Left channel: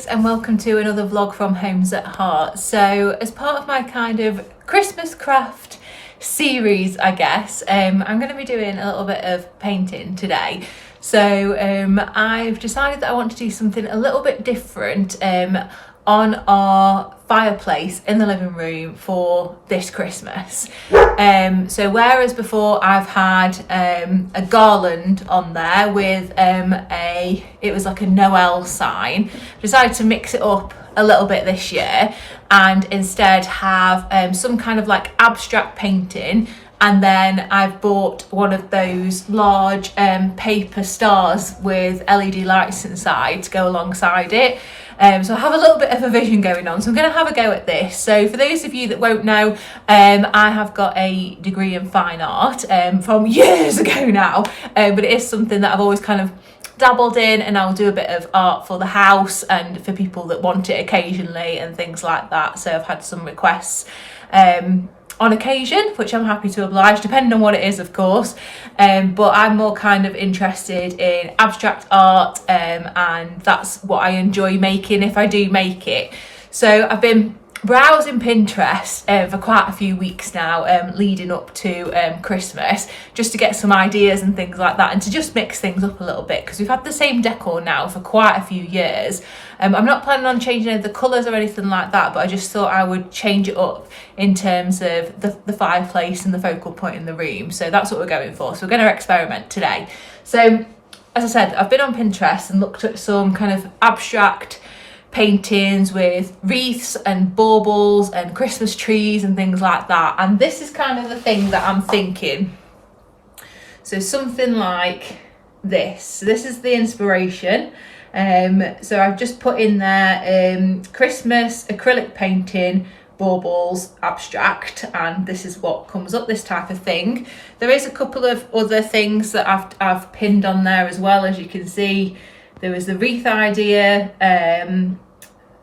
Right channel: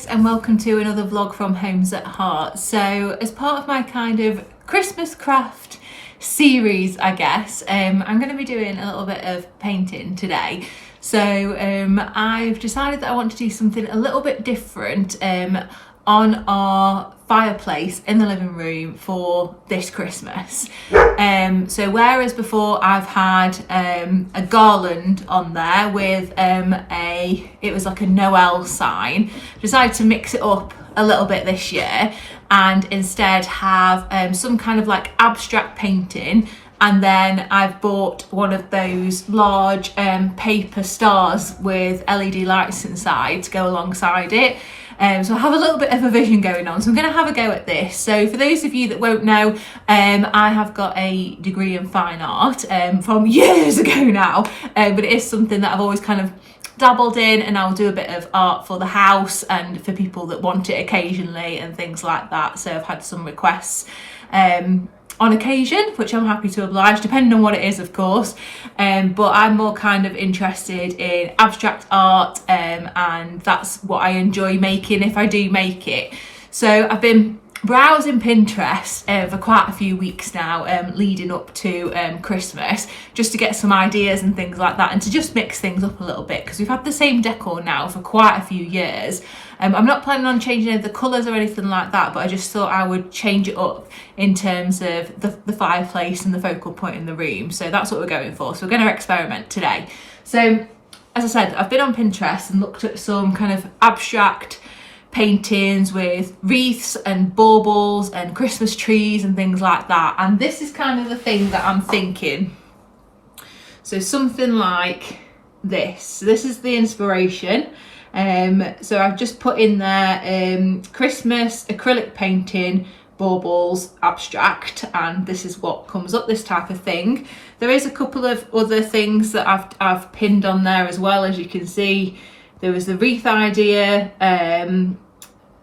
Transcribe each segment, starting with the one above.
cupcakes, and welcome to another vlog from Homes at Heart. So as part of my kind of Christmas craft series, I guess, I'm going to be doing a little bit of painting today. So I've decided that I want to do something a little bit different on our fireplace in the living room for this Christmas. So whereas before I've had a garland on there with it was like a Noel sign, I decided to mix it up a little bit this year and instead have some kind of like abstract painting. And then I've bought one of those large paper stars with LED lights inside to go alongside it. So I have a little bit of a vision going on, so I'm going to have a go at this. So for those of you that won't know, I have got a degree in fine art from years ago now, but it is something that I've always kind of dabbled in, and I'll do a bit of art for the house and for people that want it occasionally and things like that. So I've had some requests on occasion, which I'm happy to oblige, depending on what it is, of course. But I'm more kind of interested in abstract art, and that's what I enjoy making if I do make it. So I've been browsing Pinterest for quite a few weeks now, leading up to Christmas, just to get some ideas and things like that, and to just mix things up a little bit, because we've had the same decor now for quite a few years. I'm not planning on changing any of the colours or anything like that, but I just thought I would change it up in terms of the fireplace and the focal point in the room. So that's what we're going for. So we're going to experiment today. So as I said, I've been on Pinterest and looked at some kind of abstract paintings with wreaths and baubles and Christmas trees and things like that. And this is kind of the thing that I'm thinking. So something like this. This is the inspiration. So I've just put in there Christmas acrylic painting, baubles, abstract, and this is what comes up, this type of thing. There is a couple of other things that I've pinned on there as well. As you can see, there was the wreath idea,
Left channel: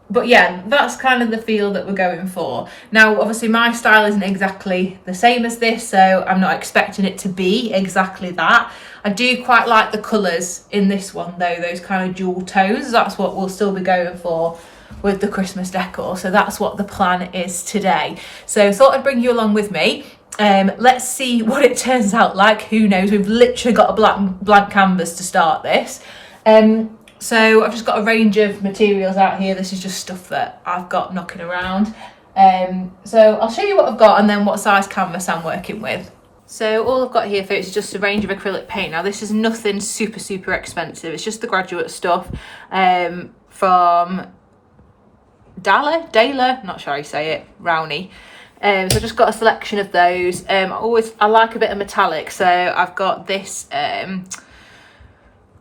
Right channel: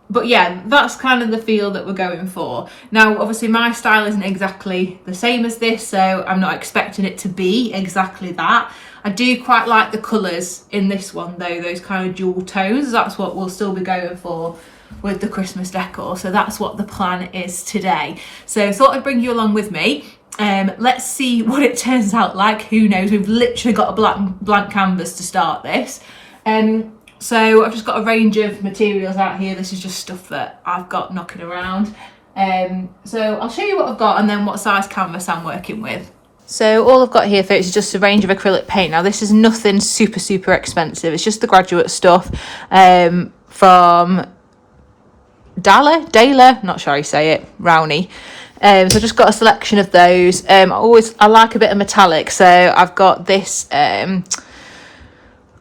but yeah, that's kind of the feel that we're going for. Now, obviously my style isn't exactly the same as this, so I'm not expecting it to be exactly that. I do quite like the colours in this one though, those kind of dual tones. That's what we'll still be going for with the Christmas decor. So that's what the plan is today. So thought I'd bring you along with me. Let's see what it turns out like. Who knows? We've literally got a blank canvas to start this. So I've just got a range of materials out here. This is just stuff that I've got knocking around. So I'll show you what I've got and then what size canvas I'm working with. So all I've got here, folks, is just a range of acrylic paint. Now this is nothing super expensive. It's just the graduate stuff from Dala, not sure how you say it, Rowney. So I've just got a selection of those. I like a bit of metallic, so I've got this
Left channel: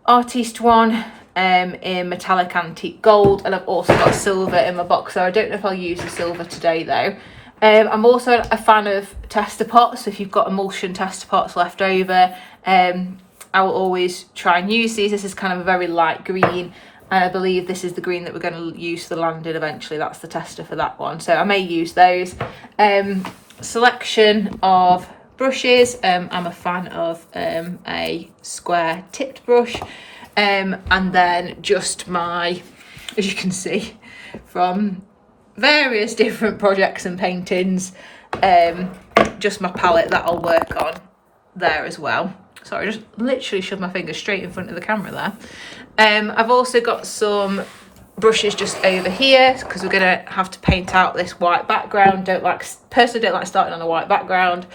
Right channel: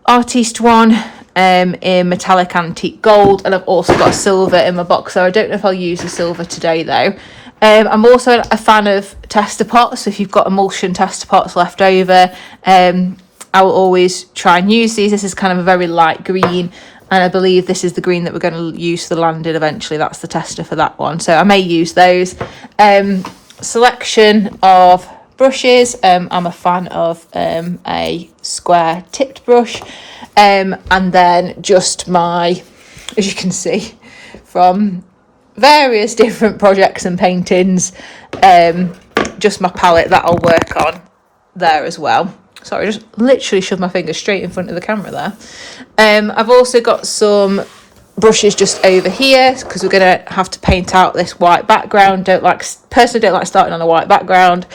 Artiste one in metallic antique gold, and I've also got silver in my box, so I don't know if I'll use the silver today though. I'm also a fan of tester pots, so if you've got emulsion tester pots left over, I will always try and use these. This is kind of a very light green, and I believe this is the green that we're going to use for the landing eventually. That's the tester for that one, so I may use those. Selection of brushes. I'm a fan of a square tipped brush, and then just my, as you can see from various different projects and paintings, just my palette that I'll work on there as well. Sorry, I just literally shoved my finger straight in front of the camera there. I've also got some brushes just over here because we're going to have to paint out this white background. Personally don't like starting on a white background.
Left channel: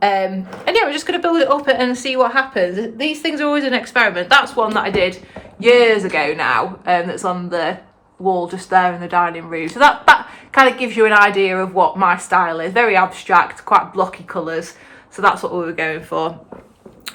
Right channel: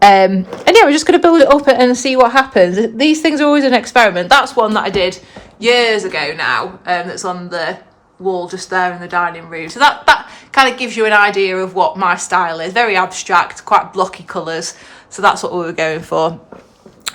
And yeah, we're just going to build it up and see what happens. These things are always an experiment. That's one that I did years ago now, that's on the wall just there in the dining room. So that kind of gives you an idea of what my style is. Very abstract, quite blocky colours. So that's what we were going for.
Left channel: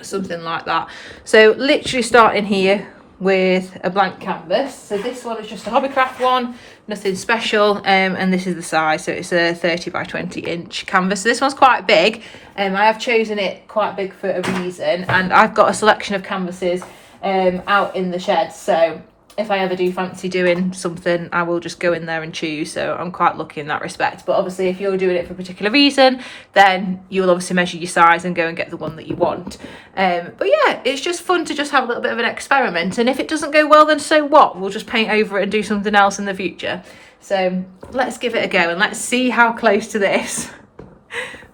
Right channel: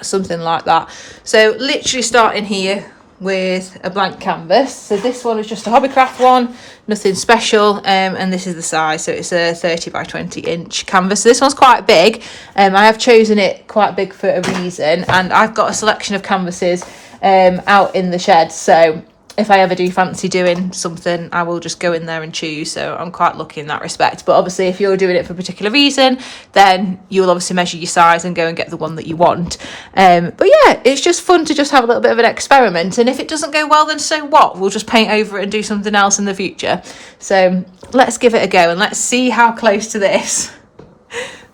Something like that. So literally starting here with a blank canvas. So this one is just a Hobbycraft one, nothing special, and this is the size, so it's a 30 by 20 inch canvas. So this one's quite big. I have chosen it quite big for a reason, and I've got a selection of canvases out in the shed, so if I ever do fancy doing something, I will just go in there and choose. So I'm quite lucky in that respect. But obviously, if you're doing it for a particular reason, then you'll obviously measure your size and go and get the one that you want. But yeah, it's just fun to just have a little bit of an experiment. And if it doesn't go well, then so what? We'll just paint over it and do something else in the future. So let's give it a go and let's see how close to this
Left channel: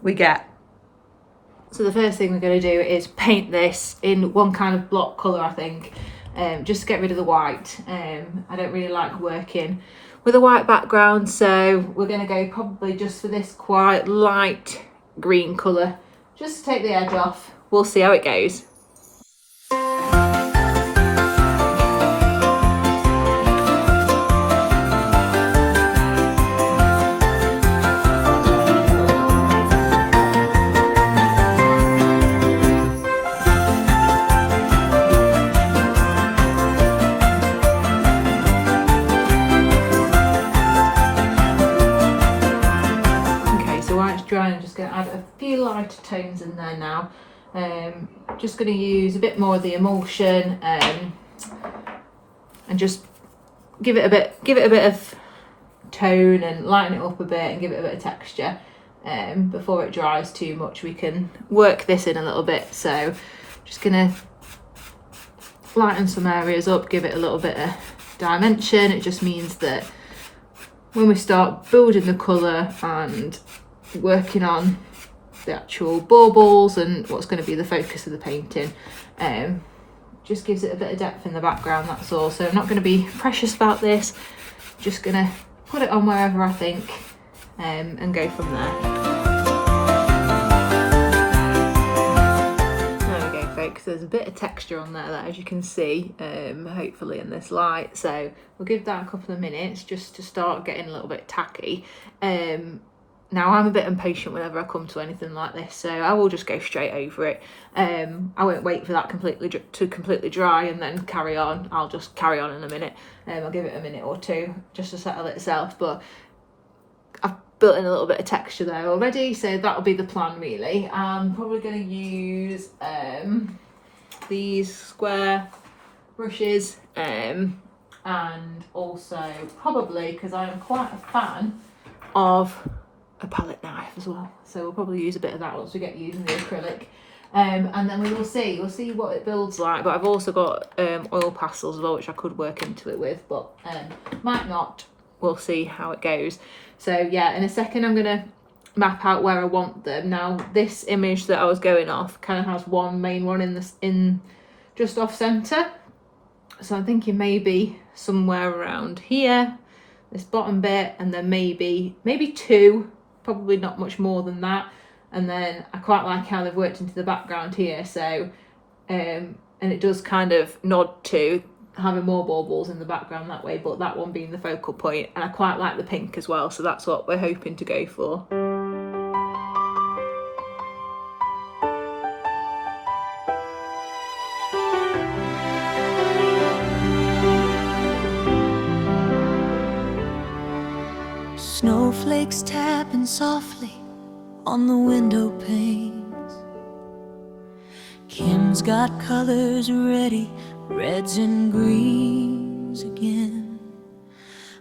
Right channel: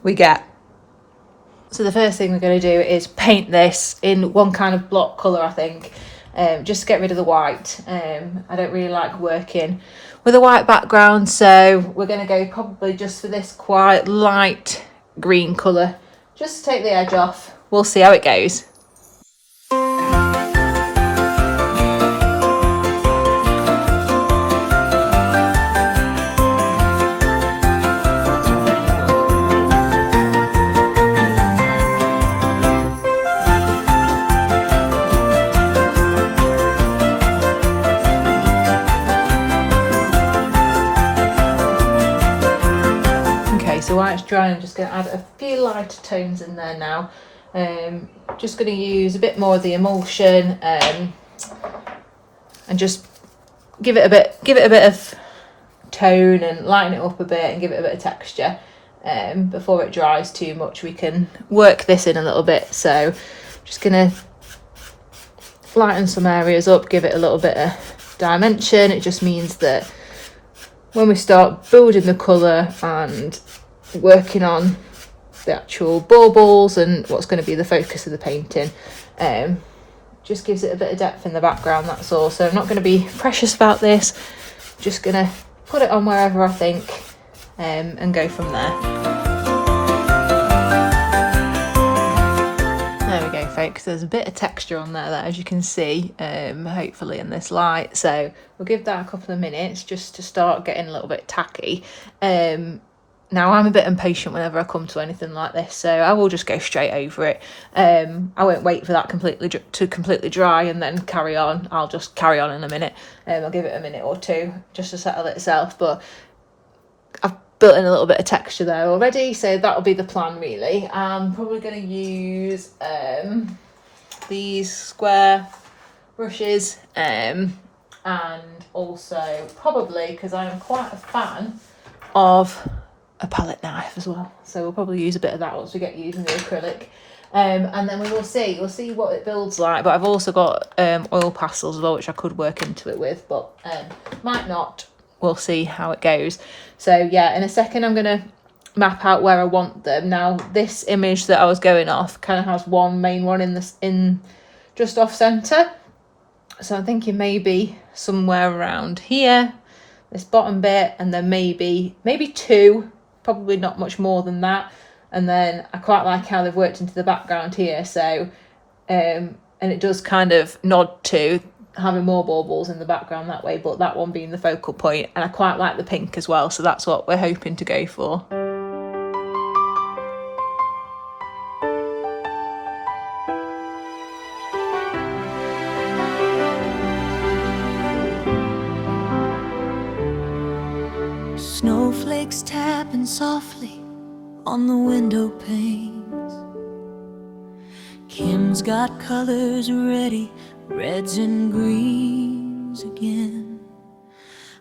we get. So the first thing we're going to do is paint this in one kind of block colour, I think. Just to get rid of the white. I don't really like working with a white background, so we're going to go probably just for this quite light green colour, just to take the edge off. We'll see how it goes. Dry, I'm just going to add a few lighter tones in there now. Just going to use a bit more of the emulsion and just give it a bit of tone and lighten it up a bit and give it a bit of texture. Before it dries too much, we can work this in a little bit. So just going to lighten some areas up, give it a little bit of dimension. It just means that when we start building the colour and working on the actual baubles and what's going to be the focus of the painting, just gives it a bit of depth in the background, that's all. So I'm not going to be precious about this, just going to put it on wherever I think and go from there. There we go, folks, there's a bit of texture on there, as you can see, hopefully in this light. So we'll give that a couple of minutes just to start getting a little bit tacky. Now, I'm a bit impatient whenever I come to anything like this, so I will just go straight over it. I won't wait for that to completely dry and then carry on. I'll just carry on in a minute. I'll give it a minute or two just to settle itself, but I've built in a little bit of texture there already, so that'll be the plan, really. I'm probably going to use these square brushes, and also probably, because I am quite a fan of a palette knife as well, so we'll probably use a bit of that once we get using the acrylic, and then we'll see what it builds like. But I've also got oil pastels as well, which I could work into it with, but might not. We'll see how it goes. So yeah, in a second I'm gonna map out where I want them. Now this image that I was going off kind of has one main one in just off center, so I'm thinking maybe somewhere around here, this bottom bit, and then maybe two, probably not much more than that. And then I quite like how they've worked into the background here, so and it does kind of nod to having more baubles in the background that way, but that one being the focal point. And I quite like the pink as well, so that's what we're hoping to go for. Snowflakes tapping softly on the window panes. Kim's got colors ready, reds and greens again.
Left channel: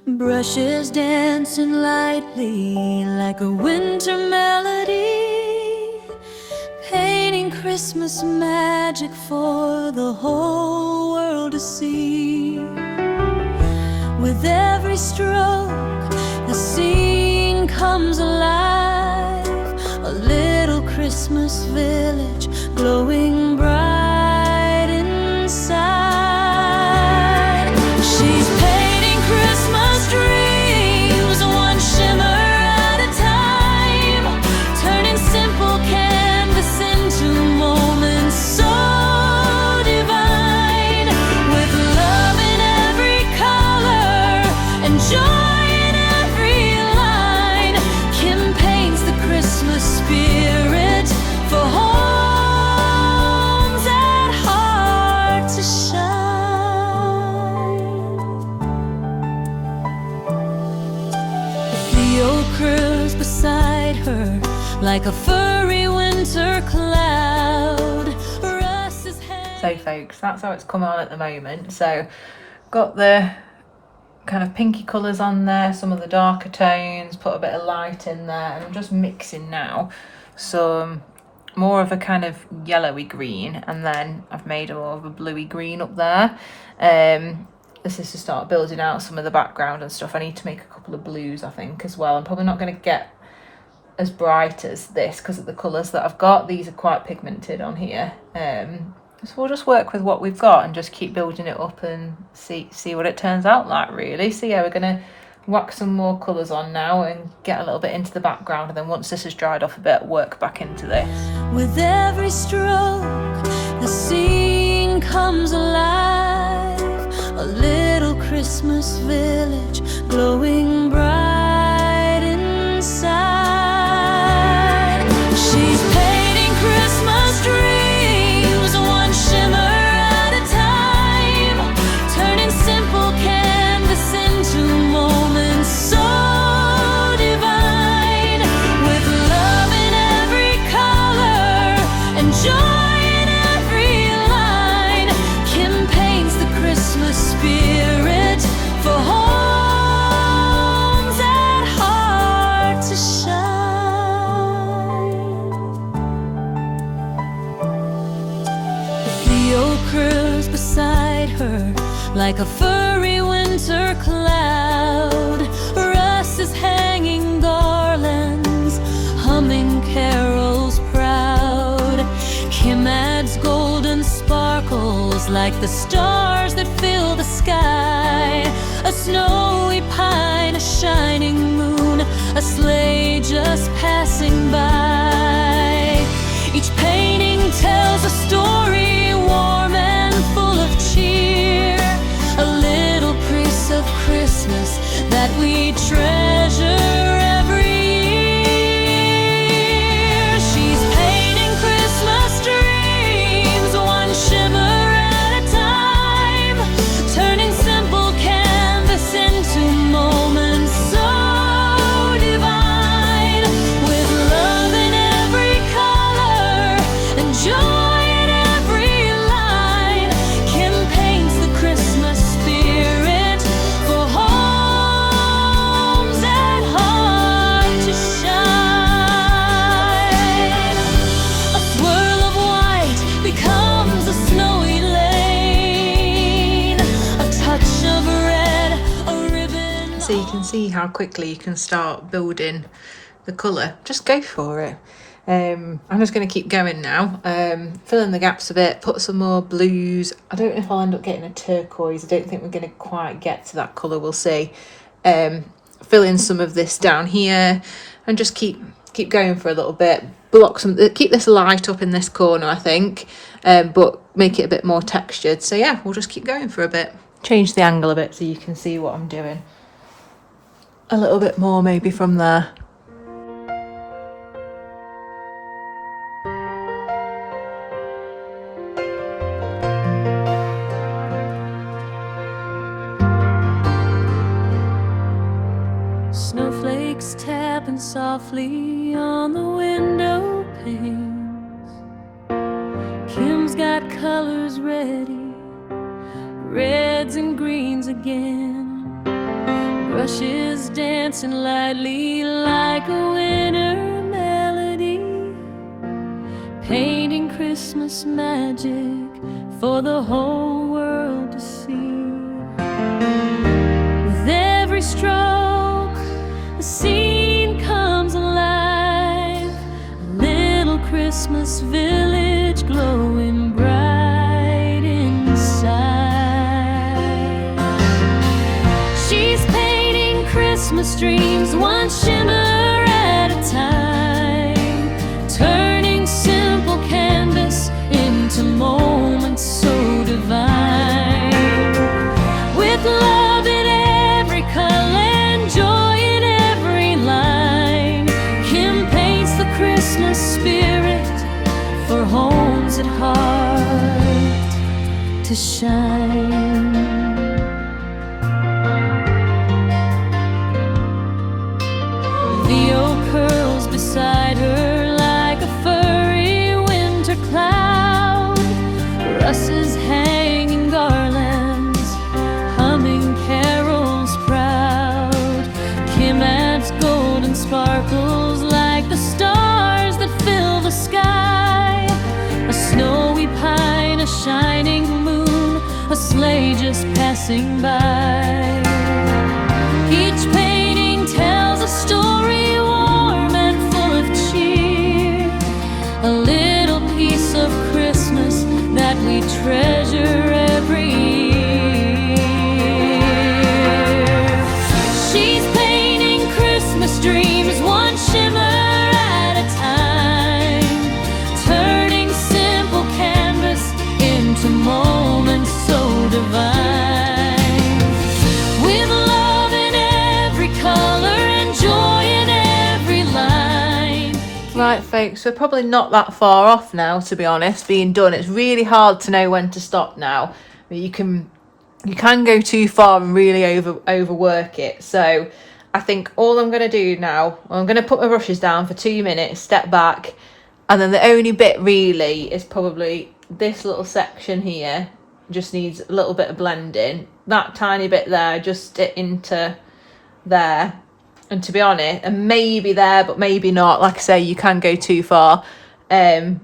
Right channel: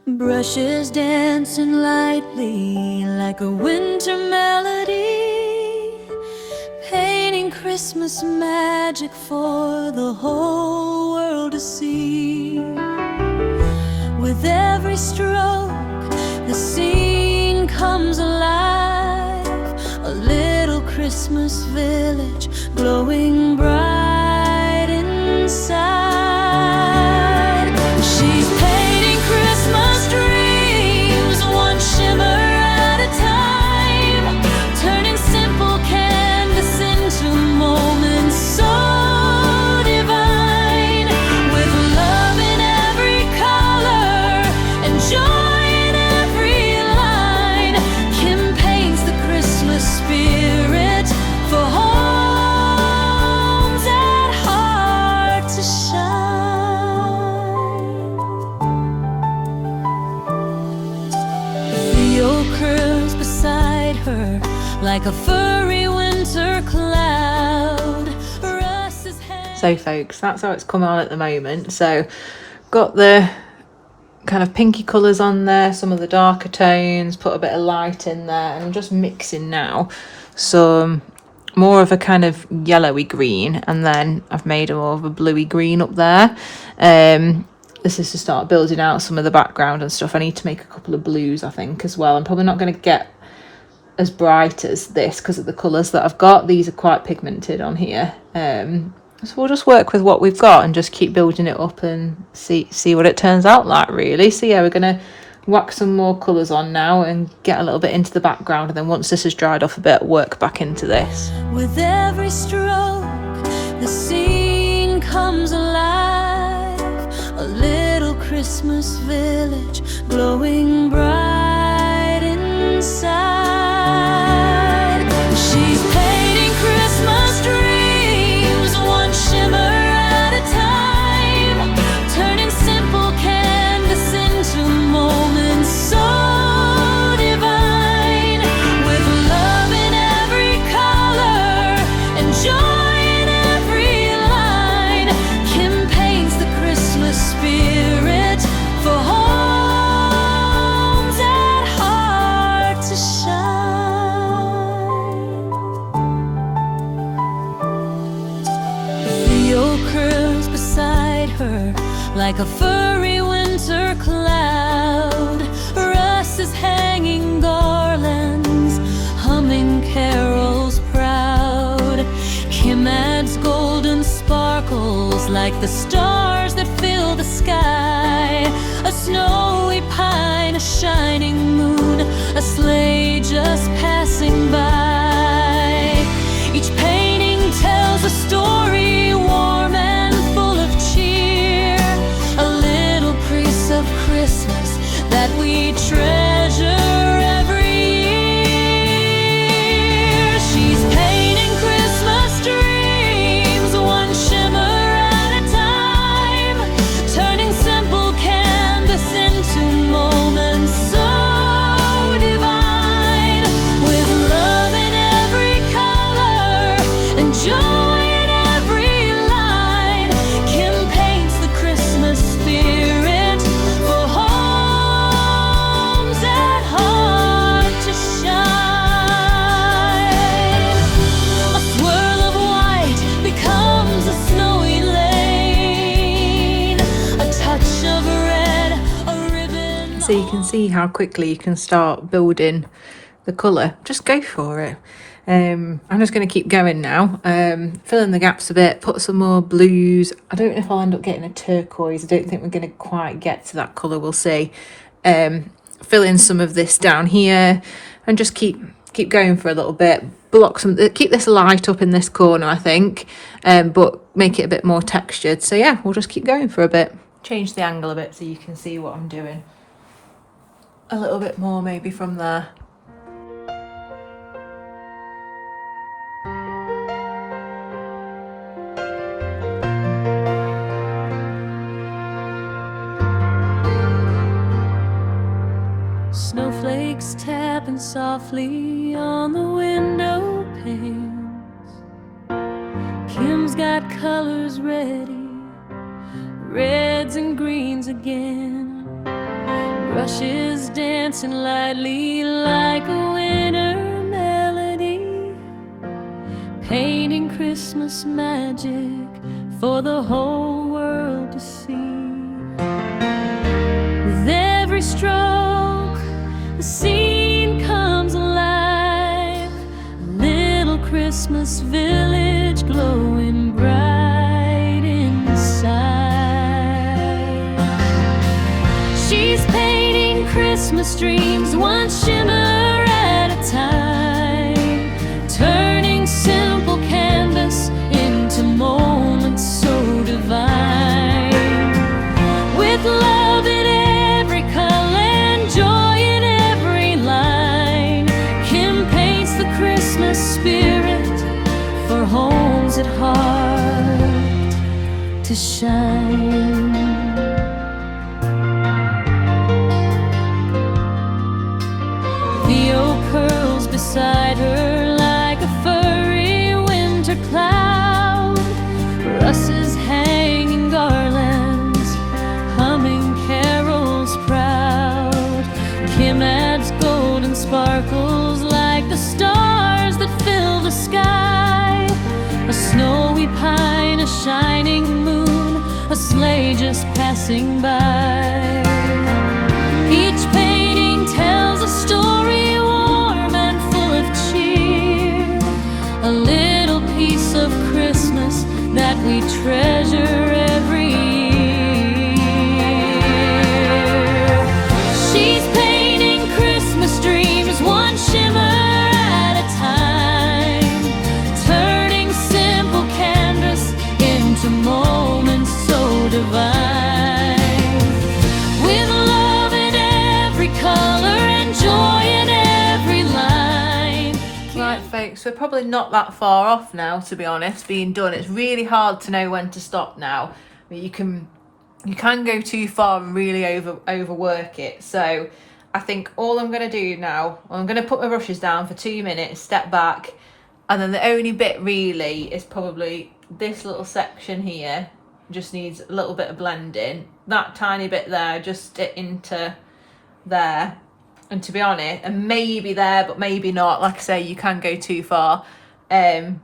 Brushes dancing lightly like a winter melody, painting Christmas magic for the whole world to see. With every stroke the scene comes alive, a little Christmas village glowing bright inside. She's painting Christmas dreams, one shimmer at a time, turning simple canvas into moments so divine, with love in every color and joy spirit for Holmes at heart to shine. The oak curls beside her like a furry winter cloud. So folks, that's how it's coming on at the moment. So got the kind of pinky colours on there, some of the darker tones, put a bit of light in there, and I'm just mixing now some more of a kind of yellowy green, and then I've made a more of a bluey green up there. This is to start building out some of the background and stuff. I need to make a couple of blues, I think, as well. I'm probably not going to get as bright as this because of the colours that I've got. These are quite pigmented on here. So we'll just work with what we've got and just keep building it up and see what it turns out like, really. So yeah, we're going to whack some more colours on now and get a little bit into the background, and then once this has dried off a bit, work back into this. With every stroke, the scene comes alive. A little Christmas village glowing bright inside. She's painting Christmas dreams, one shimmer at a time, turning simple canvas into moments so divine. With love in every color and joy in every line, Kim paints the Christmas spirit for homes at heart to shine. Theo curls beside her like a furry winter cloud. Russ is hanging garlands, humming carols proud. Kim adds golden sparkles like the stars that fill the sky. A snowy pine, a shining moon, a sleigh just passing by. Each painting tells a story warm and full of cheer, a little piece of Christmas that we treasure every year. She's painting Christmas dreams, one shimmer at a time, turning simple canvas into moments so divine. With love in every color and joy in every line, Kim paints the Christmas spirit for homes at heart to shine. A swirl of white becomes a snowy lane, a touch of red, a ribbon. So you can see how quickly you can start building the colour. Just go for it. I'm just going to keep going now, fill in the gaps a bit, put some more blues. I don't know if I'll end up getting a turquoise. I don't think we're going to quite get to that colour, we'll see. Fill in some of this down here and just keep going for a little bit. Keep this light up in this corner, I think, but make it a bit more textured. So yeah, we'll just keep going for a bit. Change the angle a bit so you can see what I'm doing. A little bit more maybe from there. Snowflakes tapping softly on the window panes. Kim's got colors ready, reds and greens again. Brushes dancing lightly like a winter melody, painting Christmas magic for the whole world to see. With every stroke, the scene comes alive. A little Christmas village glowing bright inside. She's painting Christmas dreams, one shimmer at a time, turning simple canvas into moments so divine. With love in every color and joy in every line, Kim paints the Christmas spirit for homes at heart to shine. Theo curls beside her like a furry winter cloud. Russ is hanging garlands, golden sparkles like the stars that fill the sky. A snowy pine, a shining moon, a sleigh just passing by. Each painting tells a story warm and full of cheer, a little piece of Christmas that we treasure every year. She's painting Christmas dreams, one shimmer at a time, turning simple canvas into moments so divine. With love in every color and joy in every line. Right folks, we're probably not that far off now, to be honest, being done. It's really hard to know when to stop now. You can go too far and really overwork it. So I think all I'm going to do now, I'm going to put my brushes down for 2 minutes, step back, and then the only bit really is probably this little section here. Just needs a little bit of blending. That tiny bit there, just into there. And to be honest, and maybe there, but maybe not. Like I say, you can go too far. And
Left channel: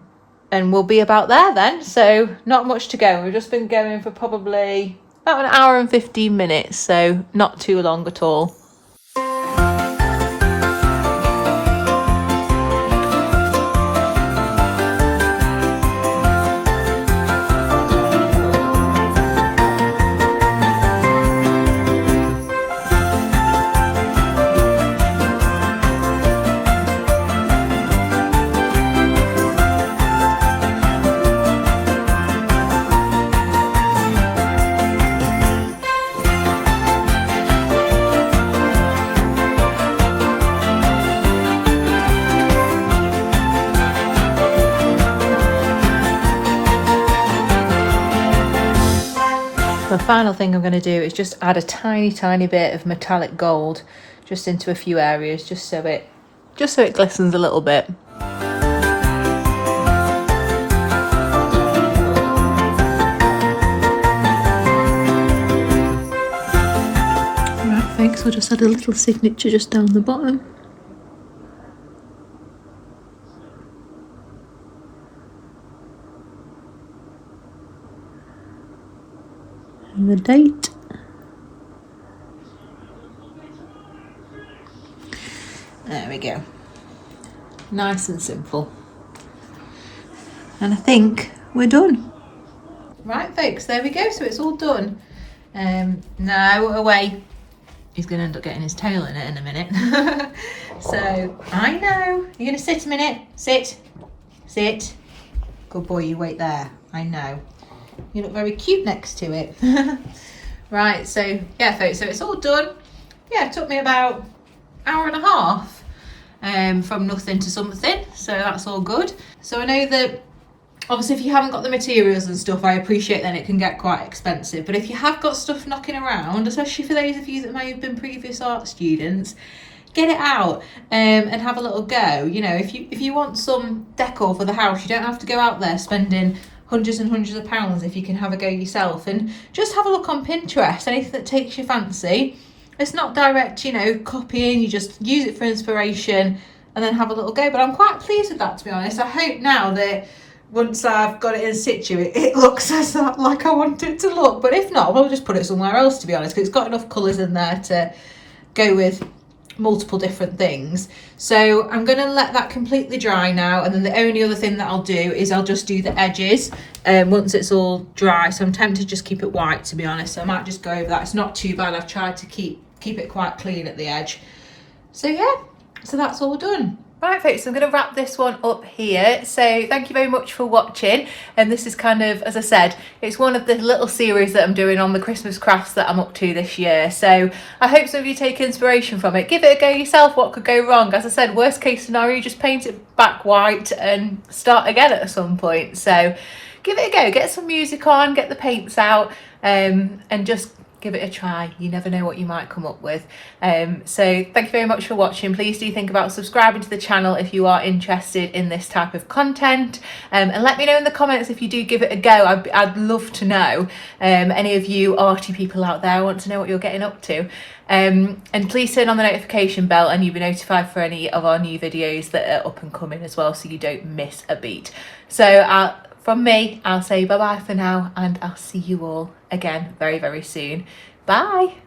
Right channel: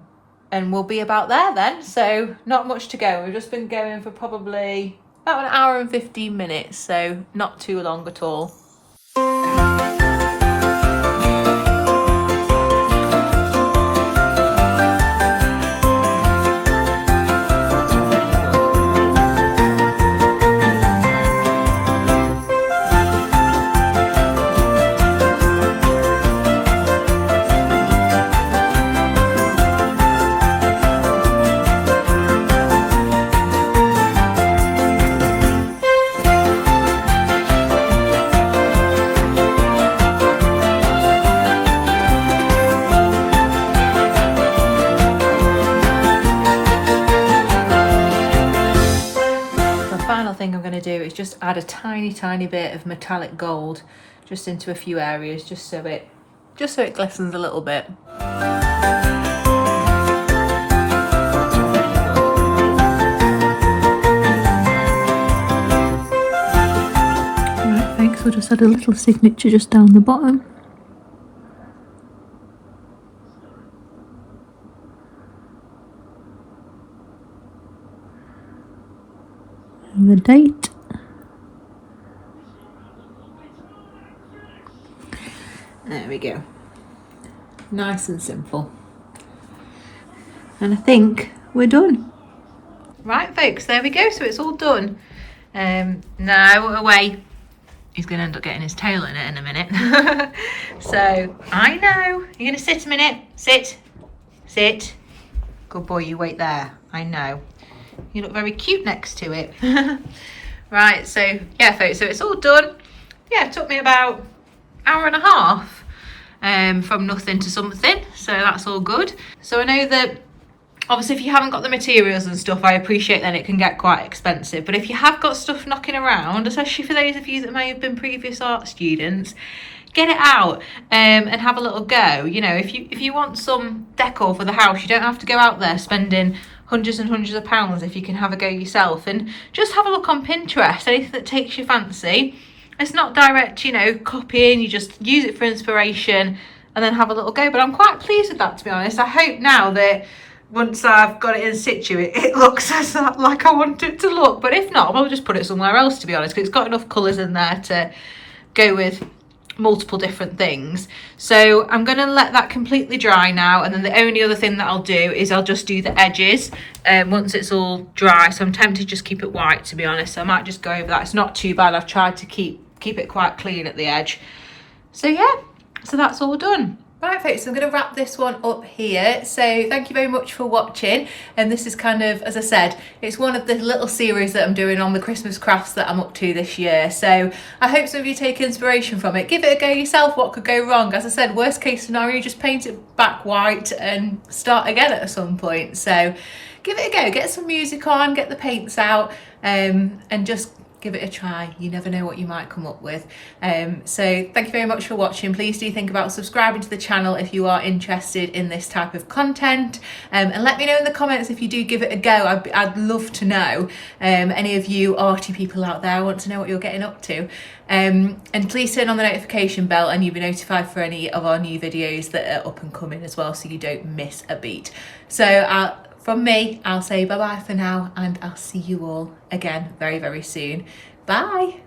we'll be about there then. So not much to go. We've just been going for probably about an hour and 15 minutes. So not too long at all. Final thing I'm going to do is just add a tiny bit of metallic gold just into a few areas, just so it glistens a little bit. Right folks, I'll just add a little signature just down the bottom. And the date. There we go. Nice and simple. And I think we're done. Right folks, there we go. So it's all done. Now away. He's going to end up getting his tail in it in a minute. So I know. You're going to sit a minute. Sit. Sit. Good boy, you wait there. I know. You look very cute next to it. Right, so yeah folks, so it's all done. Yeah, it took me about an hour and a half from nothing to something, so that's all good. So I know that obviously if you haven't got the materials and stuff, I appreciate that it can get quite expensive, but if you have got stuff knocking around, especially for those of you that may have been previous art students, get it out and have a little go. You know, if you want some decor for the house, you don't have to go out there spending hundreds and hundreds of pounds if you can have a go yourself, and just have a look on Pinterest, anything that takes your fancy. It's not direct, you know, copying, you just use it for inspiration and then have a little go. But I'm quite pleased with that, to be honest. I hope now that once I've got it in situ, it looks like I want it to look, but if not, I'll just put it somewhere else, to be honest, because it's got enough colours in there to go with multiple different things. So I'm going to let that completely dry now, and then the only other thing that I'll do is I'll just do the edges once it's all dry. So I'm tempted to just keep it white, to be honest, so I might just go over that. It's not too bad. I've tried to keep it quite clean at the edge. So yeah, so that's all done. Right folks, so I'm going to wrap this one up here. So thank you very much for watching, and this is kind of, as I said, it's one of the little series that I'm doing on the Christmas crafts that I'm up to this year. So I hope some of you take inspiration from it. Give it a go yourself. What could go wrong? As I said, worst case scenario, just paint it back white and start again at some point. So give it a go, get some music on, get the paints out, and just give it a try. You never know what you might come up with. So thank you very much for watching. Please do think about subscribing to the channel if you are interested in this type of content, and let me know in the comments if you do give it a go. I'd love to know. Any of you arty people out there, I want to know what you're getting up to. And please turn on the notification bell and you'll be notified for any of our new videos that are up and coming as well, so you don't miss a beat. So from me, I'll say bye bye for now, and I'll see you all again very, very soon. Bye.